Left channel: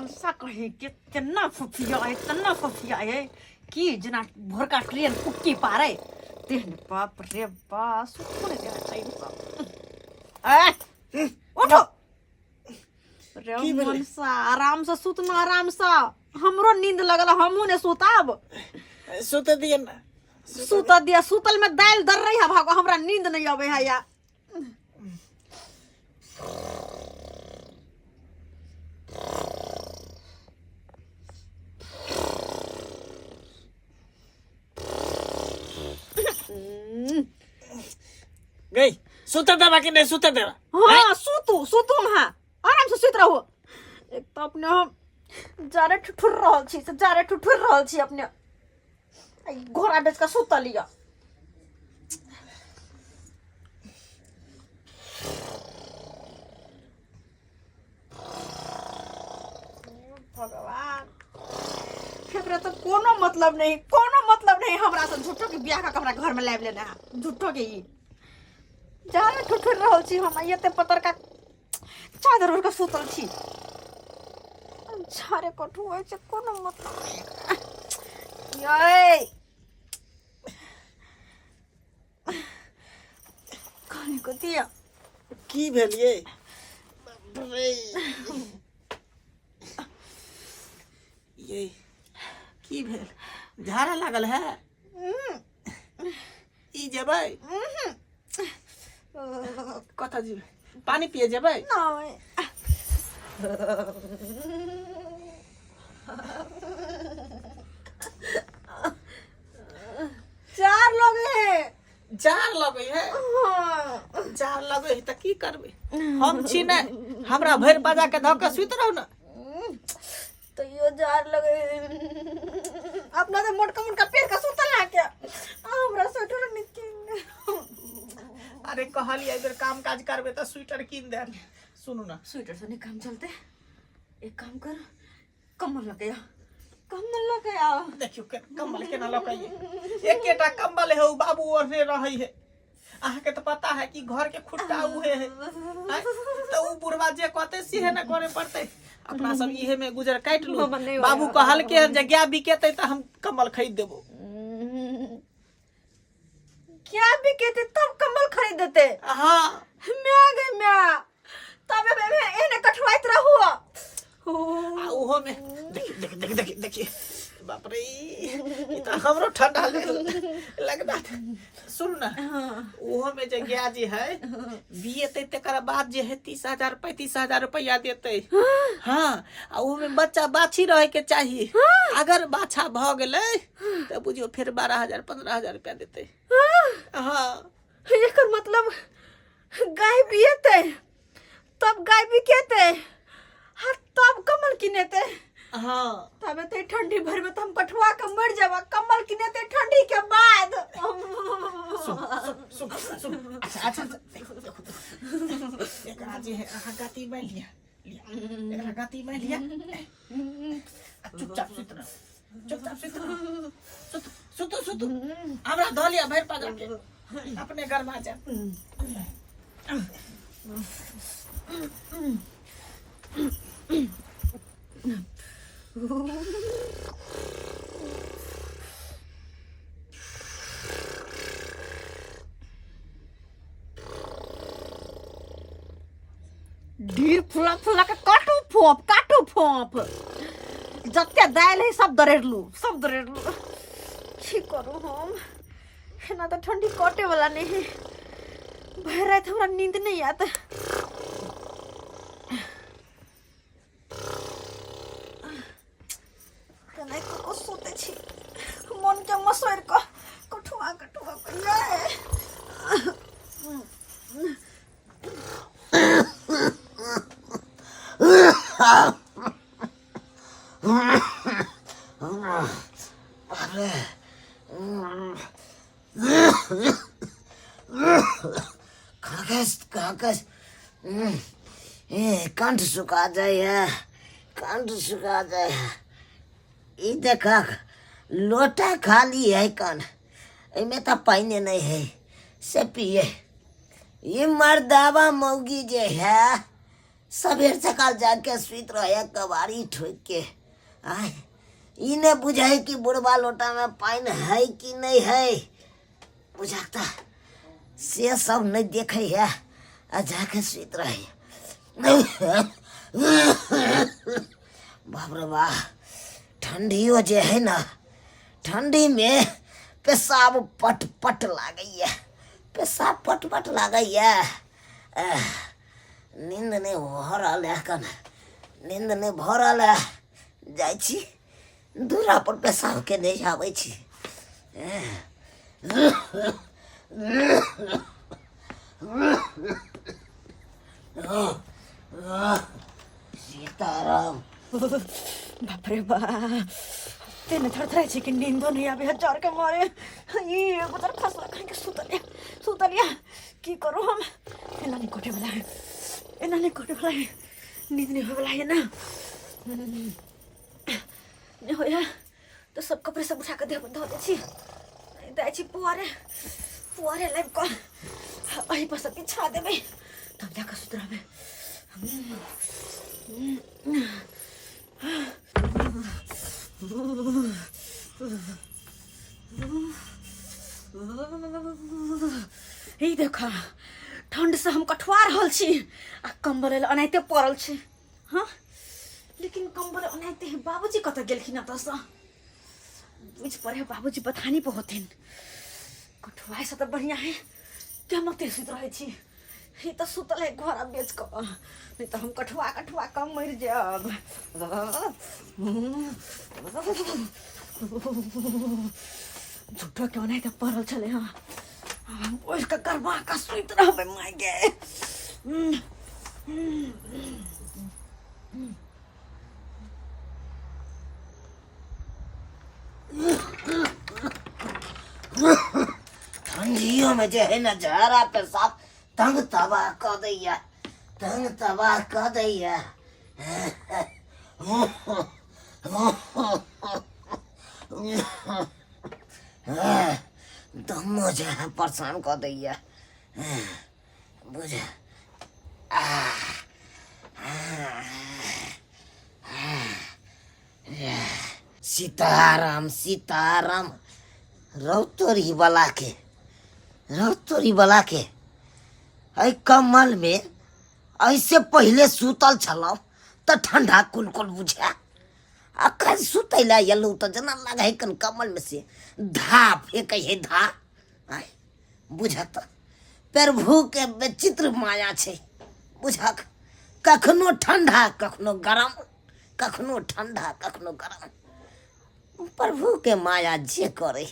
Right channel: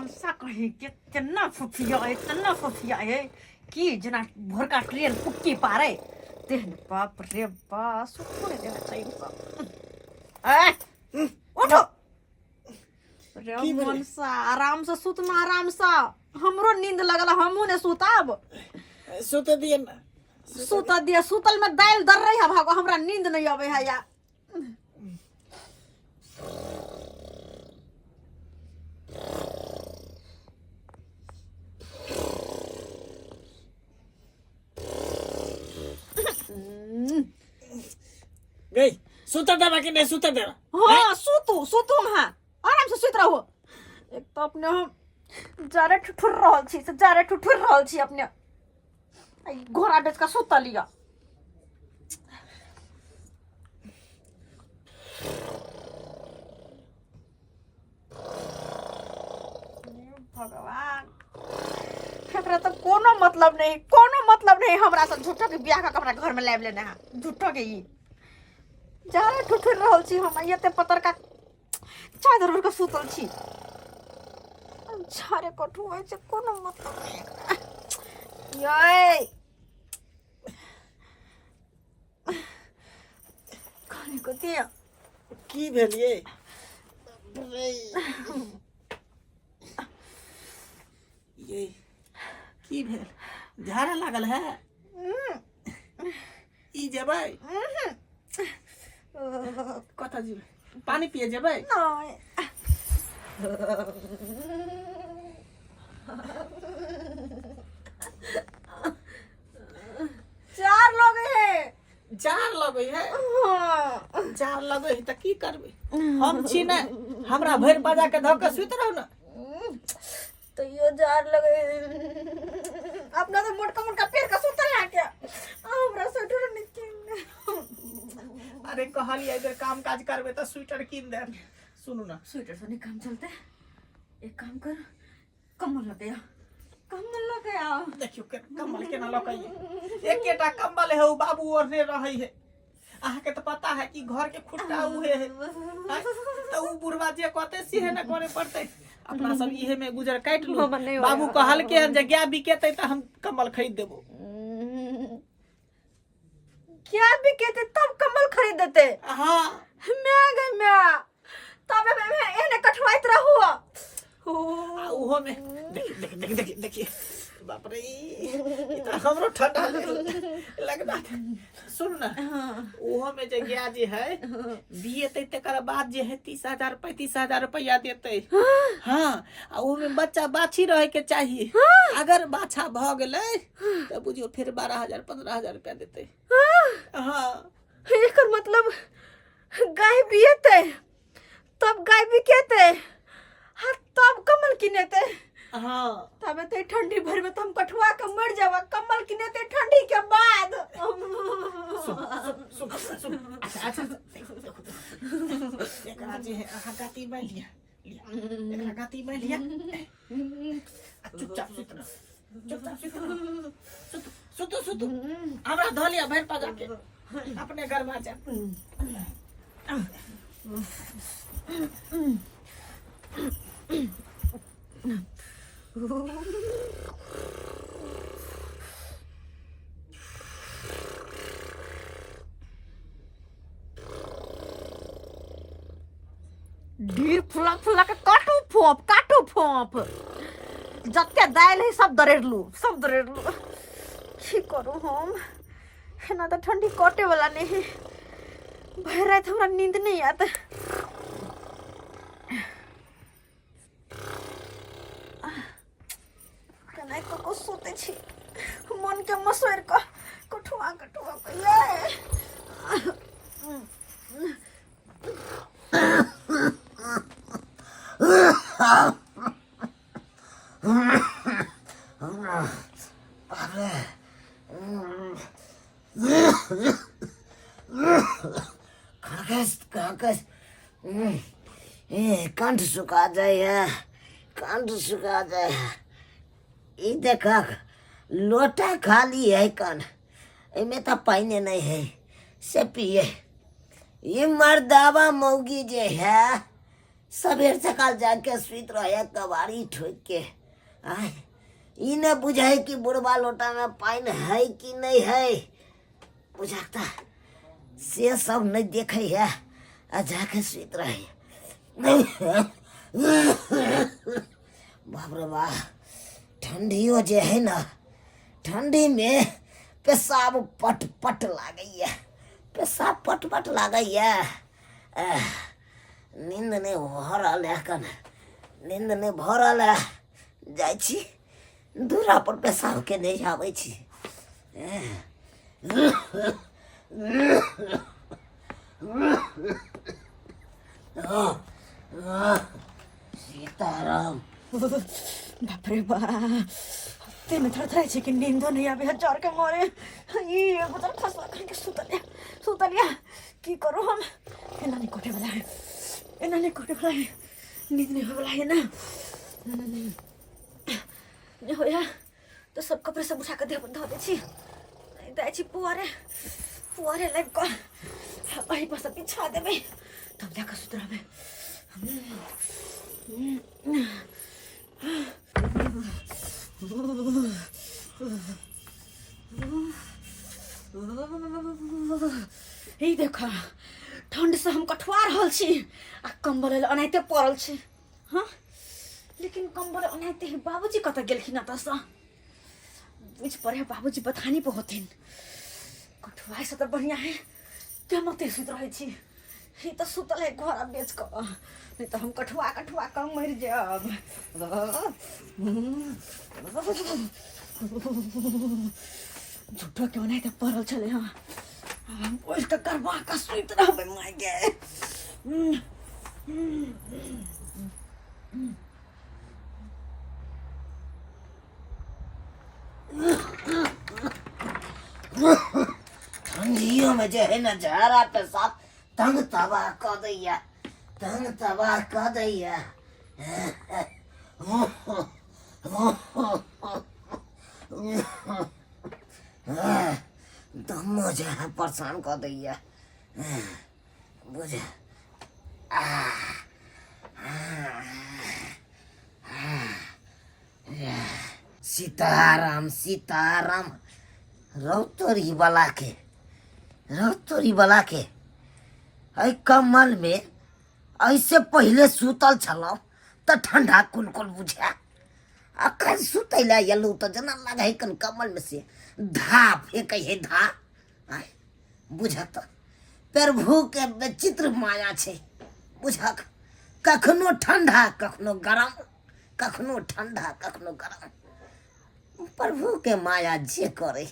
मनसा कहे के तना फसिया है कि जना भोरका ट्रेन कुक्की पारे तेहन बाप रे बा सुखने देना चाहिए उठो रे मनसा आराम से सुतना आराम से हमरो नींद लगल हमहू ने सुताब सुत दिए ना सुत दिया सुतल में दाल दर रही है भागो हमरा नींद नहीं आवे है या गई सुत देवा कि नहीं सुत देवा हाँ सुतू हाँ आराम से सुत रहो एक तो अपने हम जारे ठुठुर रहल छी अपने घोड़ा बेच का सुत लिया भगवान एकरा तो कोनो मतलब नहीं हमरा से झूठो के बियाह का कपड़ा घर में लाइब लेना है झूठो के ई जारे ठुठुर रहल छी हम एते पतर का चादर ओढ़ के सुतल छी झारे कठु होय छै कोनो मतलब नहीं ये खाने को दिया की भेलिए ये की भेल झाड़ा लागल है ई जेबै कथा जेबै पानी पिए जेबै नहीं जार लगे है जार लगे है त की करबे हम छी नै हमरा भर बाजा के धक के सुत रहू ना तो यो जार लगे अपना तो मोटका पेड़ का सुतल है क्या हमरा स्वेटर नहीं अरे कहलिए इधर काम काज करबे त स्वेटर कीन दे सुनू ना स्वेटर से नहीं काम चलते एक काम कर कम्बल लगे देखियो कम्बल केना लकइए एकेटा कम्बल है बाबू ओढ़ने रही है अहाँ के तो पता है कि घर के खुट्टा उहे है तो उ बुढ़वा जे कहते सिहे न करे पड़ते अपना सब इहे में गुजर काट लो बाबू कहल के जगह बिकेते त हम कम्बल खरीद देबो क्या बिकेते तब कम्बल खरीद देते हां मैं तब एने कठवाइत रहू ओहो में देखिए बाप रे इतना हमरो ठंडा लगना सुन ना ओहो में जे गया जे है बिएते तकर बाद जे है 30,000 35,000 रुपया देते हां आ ओहो में बच्चा बाछी रहे के चाहिए अगर बाछा भ गेलै त बुझियो फिर 12,000 15,000 रुपया देते हां एकर मतलब गाय बिएते तब गाय बिकेते हाँ तब कम्बल किनेते हाँ तब ते ठंडी भर में तुम कठवा के मर जावा कम्बल किनेते ठंडी के बाद सुन अच्छा एक आज है आहा गाती में लिया एक गाती में लिया चुपचाप सुत हमरा धलिया भर पाजा के अपने घर में जा ढीर फुला के काटू फोप जत्ते दाल है सब दरेरलू की करू हम ना तो ठंडी कटे वाला नहीं है भर रात हमरा नींद नहीं आता कनाई को सोते छी मन के मसोर को कठुआ कागज कंठ सुखा जाए ई देखा लोटा खाली है कन इमें तो पानी नहीं है से पिए ये मर्दावा मौगी जे है सबेर सकाल जाके सुत रहे कबाड़ी ठोक के। आय इने बुझाए कि बुढ़वा लोटा में पानी है कि नहीं है, बुझाता से सब नहीं देखे है आ जाके सुत रहे। बाप रे बाप, ठंडियो जे है ना, ठंडी में पेशाब पट पट लागैया, पेशाब पट पट लागैया। नींद नहीं भऽ रहल है, कन नींद नहीं भऽ रहल है, जाइ छी दूरा पर पेशाब के नहीं आबै छी। सीताराम। बाप रे बाप, तेने थरथराइ छै कि नींदो नहीं आबे है जार के मारे। ई एगो तर फसला कहीं के सुतलिया की करू हम। एना नहीं कोटे वाला है, एना नहीं कोटे वाला है, नींद नहीं हो वाला है ना। नहीं हो या तो सब कपड़े सब उठा के देह बंद हो दे छी, नहीं दे छी पुआरे लाइव को वही पर सब बिछा देबे तब जाकर सुतराबे। देखा ठंड से हम कठुआ रहल छी आ कंबल अनाइते पड़ल छी। हाँ लेकिन कंबल अनाइते बाबूजी कतऽ गेलखिन एतऽसँ, बुझ पड़े बाबूजी बथानी पर होथिन। कठुआ से तो बढ़िया है क्या मते सुत रहे छी, ही तो सुतल है घर बेच कर, नहीं तो हम कठुआ कर मर जाब। झूठो क्यों नहीं तो पड़ल चले। हाँ उसका करवा का सुत रहबे माय गे। ठंडियों में जो है ना जहरा पेशाब तंग तबाह कर दैया, तंग तबाह कर दैया। दमो जो है परेशान कर दैया, बुझ। सीताराम सीताराम। रौतोरी बला के ऐ कमल में ऐसे पहले सुतल छलौ तो ठंडा कुल बुझा, अखन सुतैला एलौ तो जना लगे है कन कमल में से धा फेंक है धा। बुझत प्रभु के विचित्र माया छै, बुझक कखनो ठंडा कखनो गरम, कखनो ठंडा कखनो गरम, प्रभु के माया जे करे।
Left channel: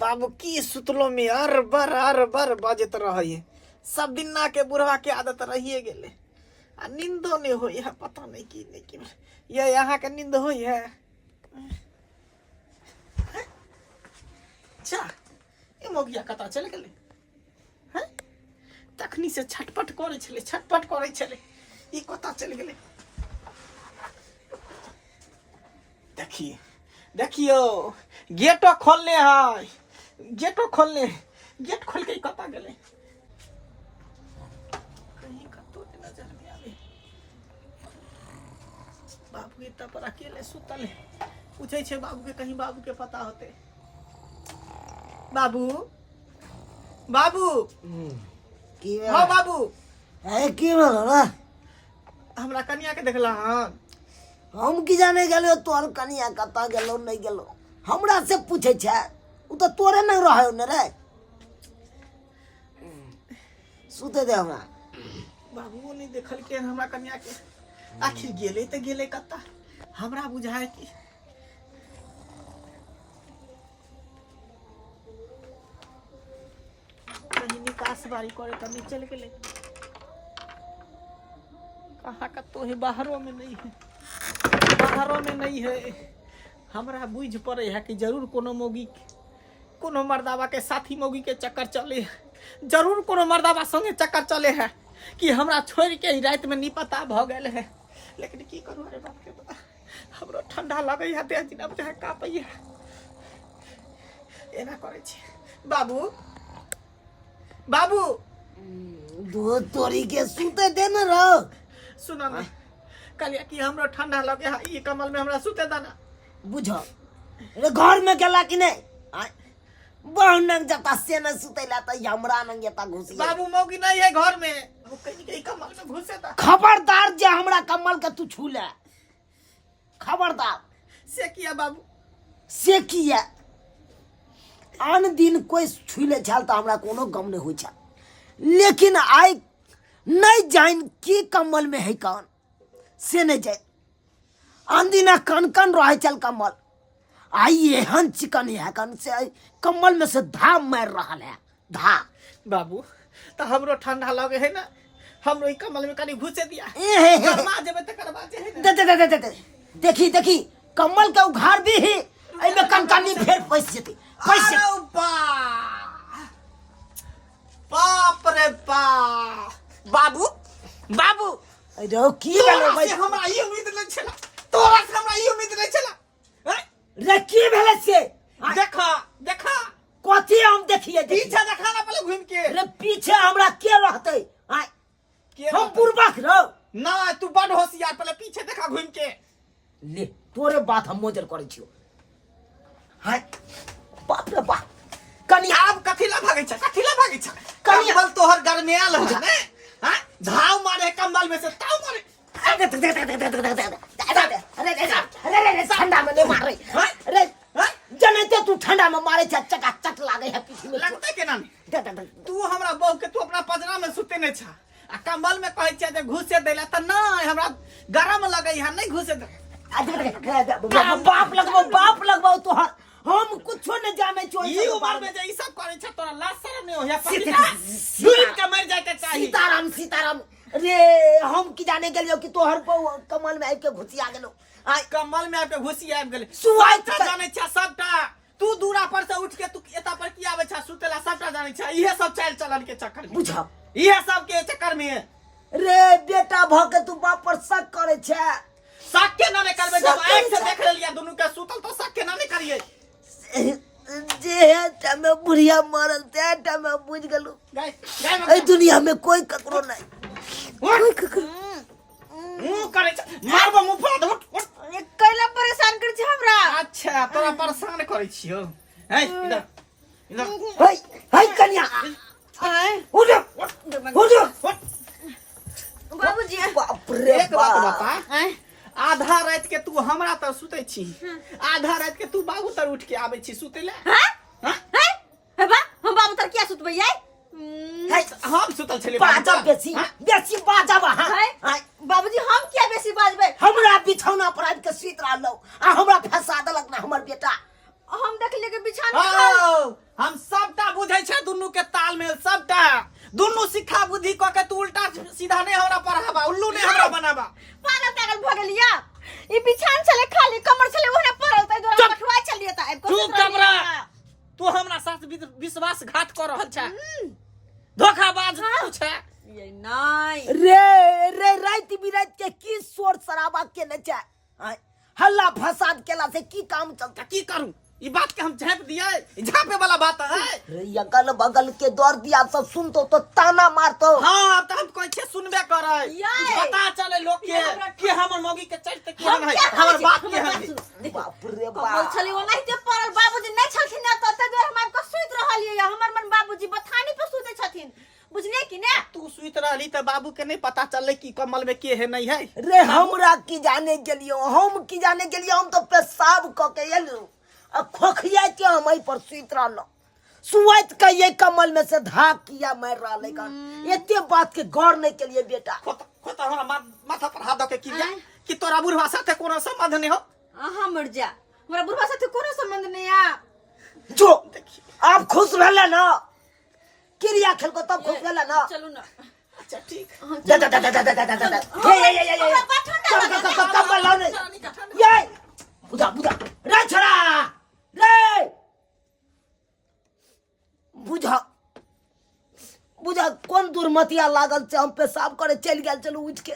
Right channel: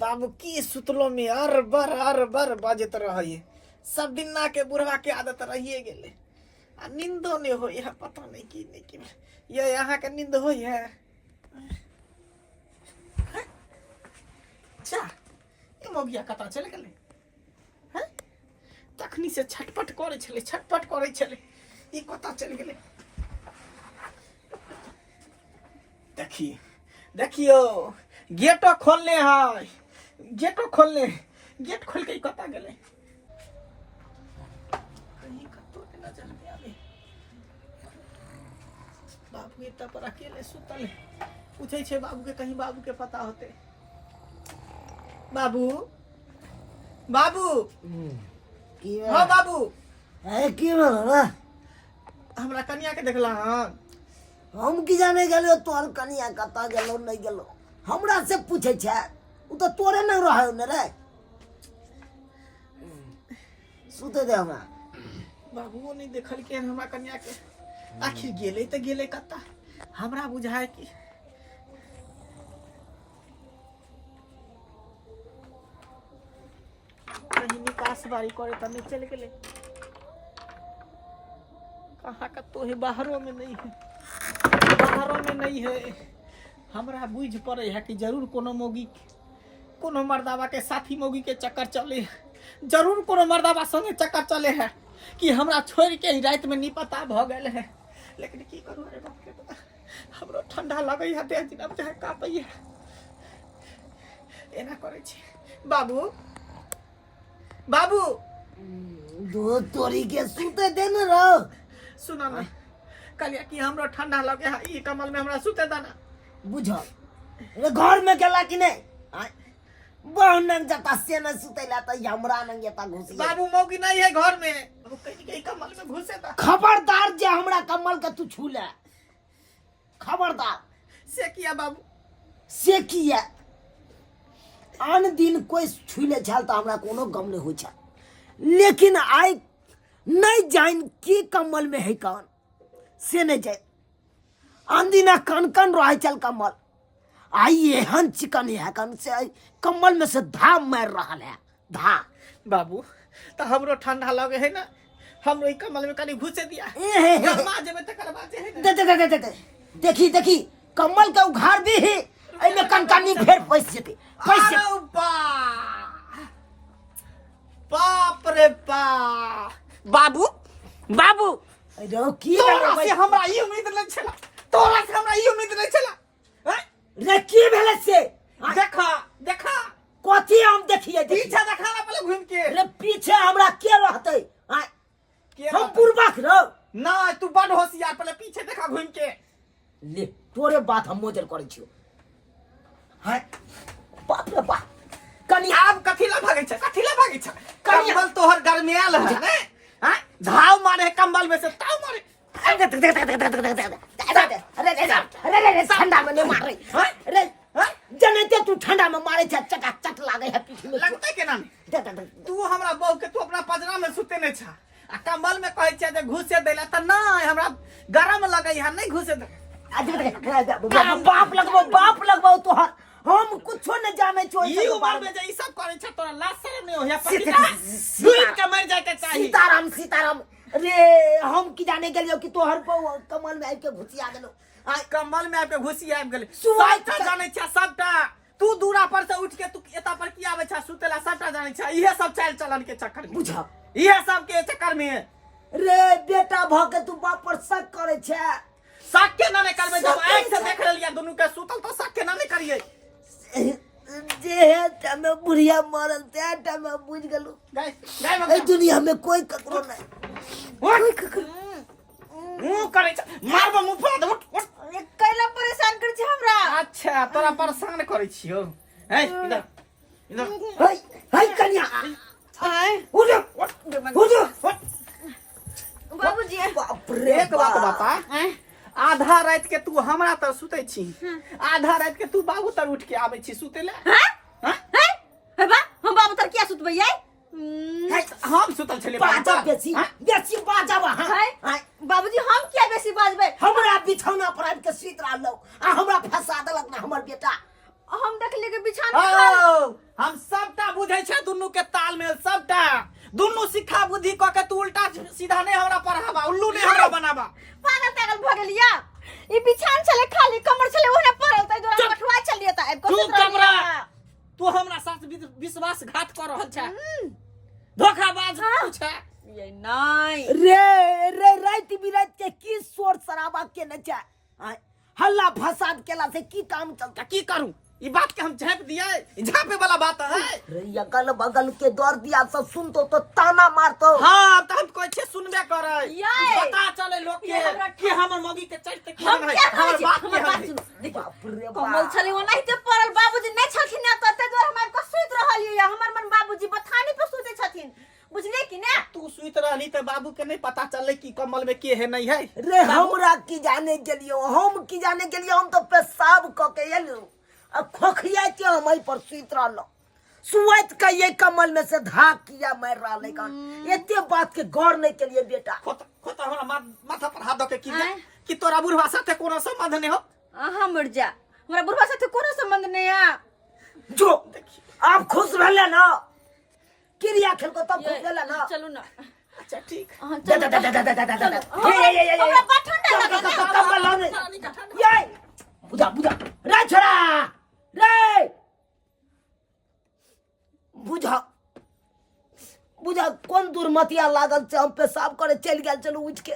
बाबू की सुतलो में अर बर बाजत रहे, सब दिन ना के बुढ़वा के आदत रहिए गेले आ नींदो नहीं होई है, पता नहीं की ये यहाँ के नींद होई है। जा ए मोगिया कतऽ चल गेले हैं, तखनी से छटपट करे छले ई कतऽ चल गेले। देखियो गेटो खोलने है, गेट खोल के कतऽ गेले, कहीं कतौ नजर नहीं आवे। बाबू एतऽ पर अकेले सुतल है, पूछे छे बाबू के, कहीं बाबू के पता होते। बाबू की हाँ बाबू की बोला हमरा कनिया के देखला हाँ, हम की जाने गेलो तोर कनिया कतऽ गेलो नहीं गेलो, हमरा से पूछे छे, उ तो तोरे नहीं रहे न रे। सुते दे हमरा। बाबू नहीं देखल के हमरा कन्या के, आखिर गेले तो गेले कत्ता, हमरा बुझाए कि कहीं निकास बारी करे तो नहीं चल गेले, कहाँ का तो है, बाहरों में नहीं है। हमरा बुझ पड़े है कि जरूर कोनो मौगी, कोनो मर्दावा के साथी मौगी के चक्कर चले है, जरूर कोनो मर्दावा संगे चक्कर चले है कि हमरा छोड़ के ही रात में निपता भ गए है। लेकिन की करू, अरे बाप रे बाप, हमरो ठंडा लगे है, देह दिन अब चाहे कापैया एना करे छी। बाबू दो तोरी के सूते दे न रहो। सुनो ना कहलिया कि हमरो ठंडा लगे है ई कमल में हमरा सुते दाना बुझो रे घर में गेला कि नहीं आय बहु नंग जता से न सुतेला त हमरा नंग जता घुसी बाबू मौगी नहीं है घर में वो कहीं कहीं कमल में घुसे दा खबरदार जे हमरा कमल के तू छू ले खबरदार से किया बाबू से किया आन दिन कोई छुले छाल तो हमरा कोनो गम नहीं होइ छल लेकिन आइ नहीं जान की कमल में है कौन से नहीं जाए आन दिन कन कन रहे चल कमल आई एहन चिकन है कन से कमल में से धा मार रहा है धा बाबू तो हमरो ठंडा लगे है ना हमरो ई कमल में कनी घुसे दिया गरमा जेबे त करवा जे है दे दे दे दे दे देखी देखी कमल के उघार भी है एमे कनकनी फेर पैस जेते पैसे अरे बाप रे बाप बाबू बाबू अरे की तोरा भेलै से हमरा ई उम्मीद नहीं छला तोरा से हमरा ई उम्मीद नहीं छला रे की भेलै से देखा देखा कथी हम देखिए पीछे देखा ना पहले घूम के रे पीछे हमरा के रहते आय के हम रहतै? पूर्वक रहो ना तू बड़ होशियार पहले पीछे देखा घूम के ले तोरे बात हम मोजर करे छियो हाय बाप रे बाप कनी आब कथिला भागे छ कमल तोहर घर में आल है ने हां धाव मारे कमल में से ताव मारे अरे ठंडा में नहीं मारे अरे जनते तू ठंडा में मारे चकाचक लागे है पीठ में लगता के ना तू हमरा बहू के तू अपना पजरा में सुते ने छ आ कमल में कहै छ जे घुसे देला त ना हमरा गरम लगै है नहीं घुसे दे बाप लगबो तोहर हम कुछो न जाने छो ई उम्र में जे ई सब करे छ तोरा लाज शरम नहीं होया पतिता डूब के मर जाए के चाहिए सीताराम रे हम की जाने गेलियो कि तोहर कमल में आके घुसिया गेलो आय कमल में आके घुसी आबि गेले सुआइ सबटा जाने छ सबटा तू दूरा पर से उठ के तू एता पर की आवे छ सुतेला सबटा जाने छ इहे सब चाल चलन के चक्कर में बुझब इहे सब के चक्कर में रे बेटा भ के तू बाप पर शक करे छे शक के ना करबे जब आंख से देख लेलिया दोनों के सुतल तो शक के ना करिए जे टाइम में बुढ़िया मरल ते टाइम में बुझ गेलू गाय ए दुनिया में कोई ककरो नहीं मुंह करे छ मारबो मुंह फोड़ दे उठ कैला परेशान कर छी हमरा अच्छा तोरा परेशान करे छियो हे इधर इधर हाय हाय कन्या आय उठ बाबूजी बाप रे एक बात बता आय आधा रात के तू हमरा तर सुते छी आधा रात के तू बाबू तर उठ के आवे छी सुते ले हां हां हे बा हम बाबू तर किया सुतबै आय हम सुतल छले बाजा बेसी बाजा हाय बाबूजी हम किया बेसी बाजबै हमरा बिछौना पर आबि के सुत रहलो आ हमरा फंसा देलक ना हमर बेटा हम देखलिए के बिछान हम सबटा बुझै छै दुन्नु के तालमेल सबटा दुन्नु शिक्षा बुद्धि क के तू उल्टा सीधा नहीं हमरा पढ़ाबा उल्लू नहीं हमरा बनाबा पागल भ गेलिया ई बिछान चले खाली कमर चले ओने पड़ल तै द्वारा पठवा चलिए त तू कमरा तू हमरा साथ विश्वासघात कर रहल छै धोखाबाज तू छै ये नहीं रे रात बिरात के की शोर शराबा के न छै हल्ला फसाद केला से की काम चलता की करूं ई बात के हम झाँप दिए झाँपे वाला बात है रे अगल बगल के दौर दिया सब सुनतो तो ताना मारतो हां त हम कहै छै सुनबे करे ये। पता चले लोग के कि हमर मौगी के चलते की हम है क्या हमर कहै बात छी? के हमर है बात सुन। बाप रे कमल बाप छली ओनाहिते पड़ल बाबूजी नहीं छलखिन त तै द्वारा हम को सुत रहल ये हमर मन बाबूजी बथानी पर सुते छथिन बुझले कि ने तू सुइत रहली त बाबू के नहीं पता चलले कि कमल में के है नहीं है रे हमरा की जाने गेलियो हम की जाने गेलियो हम तो पेशाब क के एलू आ खोखिया के हम एहि पर सुत रहलो सुवत का ये कमल में से धाक किया मार रहले कन एते बात के गौर नहीं के लिए बेटा खोता हमरा माथा पर हाथ दके कि तोरा बुढ़वा साथे कोनो संबंध नहीं हो हम मर जा हमरा बुढ़वा साथे कोनो संबंध नहीं है जो आप खुश रहले ना क्रिया खेल को तब खुश रहले ना चलू ना अच्छा ठीक कमल लाने ये बुझा रे छोरा रे बुझा कौन दुर्मतिया लागल से हम पेशाब करे चल गेल चलू उठ के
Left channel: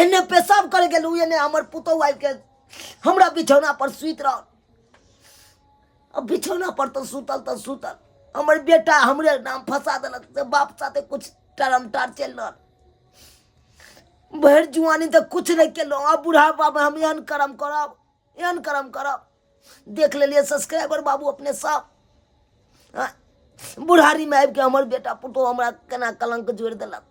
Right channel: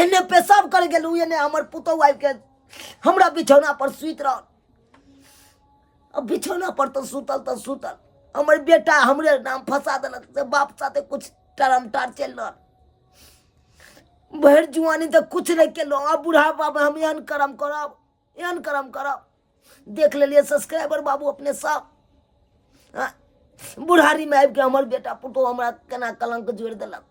एने पेशाब करे गेलू एने हमर पुतौ आबि के हमरा बिछौना पर सुत रहल अब बिछौना पर तो सुतल हमर बेटा हमरे नाम फंसा देलक से बाप साथे कुछ टरम टार चल रहा भर जुआनी तो कुछ नहीं केलो अब बुढ़ापा में हम एहन कर्म करब देख लेलिए सब्सक्राइबर बाबू अपने सब बुढ़ारी में आबि के हमर बेटा पुतो हमरा केना कलंक जोड़ देलक।